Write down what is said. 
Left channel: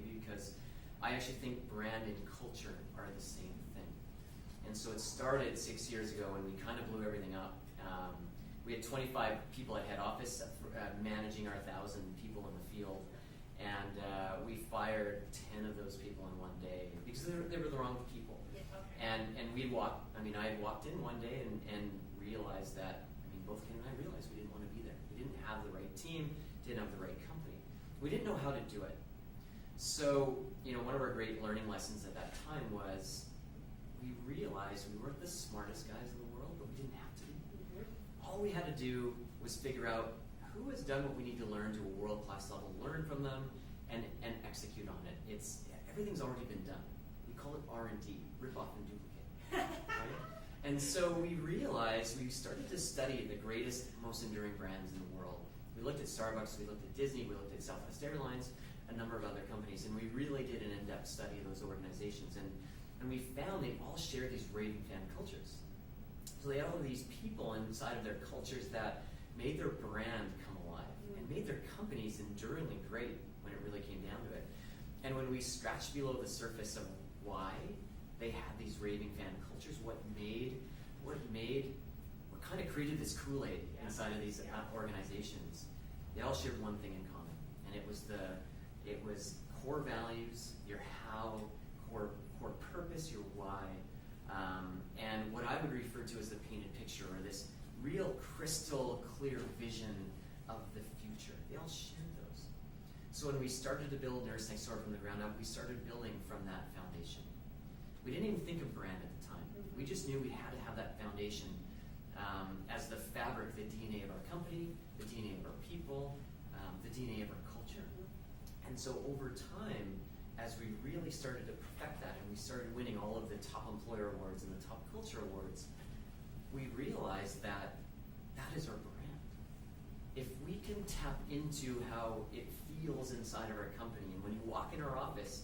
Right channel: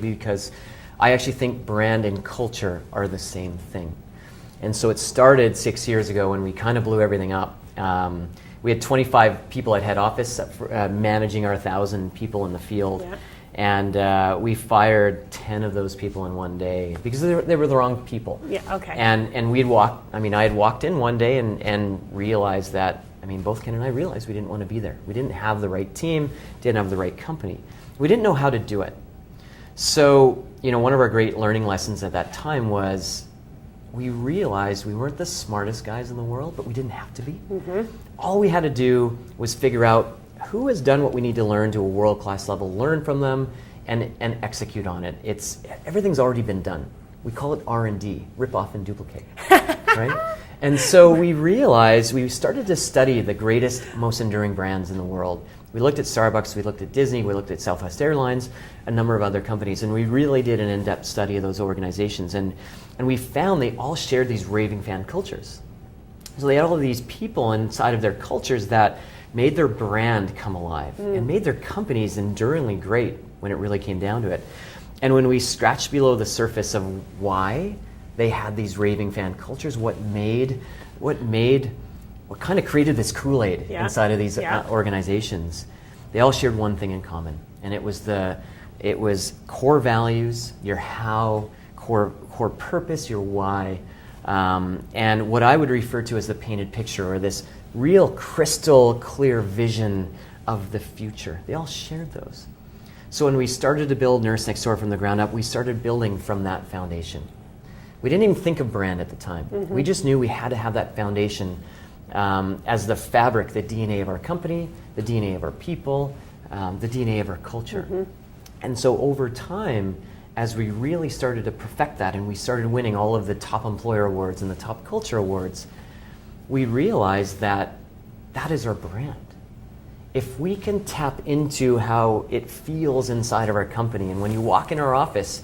because I actually think brand and culture are the same thing. And so it started 6 years ago when we kind of blew everything up. We had 25 people at head office managing our 1,000 people in the field. Yeah. And we fired 10 of those people in one day because they were the wrong people. Yeah, okay. And I had walked in one day and realized that, both Ken and I realized we didn't want to be there. We didn't have the right team, didn't have the right company. We didn't know how to do it. So, one of our great learning lessons at that time was we realized we weren't the smartest guys in the world, but we didn't have to be. Mm-hmm. All we had to do was figure out who has done what we need to learn to a world-class level, learn from them, and execute on it. Everything's already been done. We call it R&D, rip off and duplicate, right? And so we realized, we started to study the greatest, most enduring brands in the world. We looked at Starbucks, we looked at Disney, we looked at Southwest Airlines, a number of other companies, and we really did an in-depth study of those organizations. And we found they all shared these raving fan cultures. So they had all of these people inside of their cultures that made their brand come alive and made their companies enduringly great when it really came down to it. And when we scratched below the surface of why they had these raving fan cultures, what kind of created this Kool-Aid inside of these organizations, they all shared one thing in common, and it was core values, your how, core purpose, your why, and what I would refer to as the painted picture, or this real crystal clear vision of the future. They all shared those. So when we started to build Nurse Next Door from the ground up, we started building from that foundation. We didn't even think of brand at the time. Mm-hmm. We just knew we had to have that foundation as the fabric, the DNA of our company, the DNA of our people, the DNA of our culture. Mm-hmm. And so over time, as we really started to perfect that and we started winning all of the top employer awards and the top culture awards, we realized that is our brand. If we can tap into how it feels inside of our company, and when you walk in our office,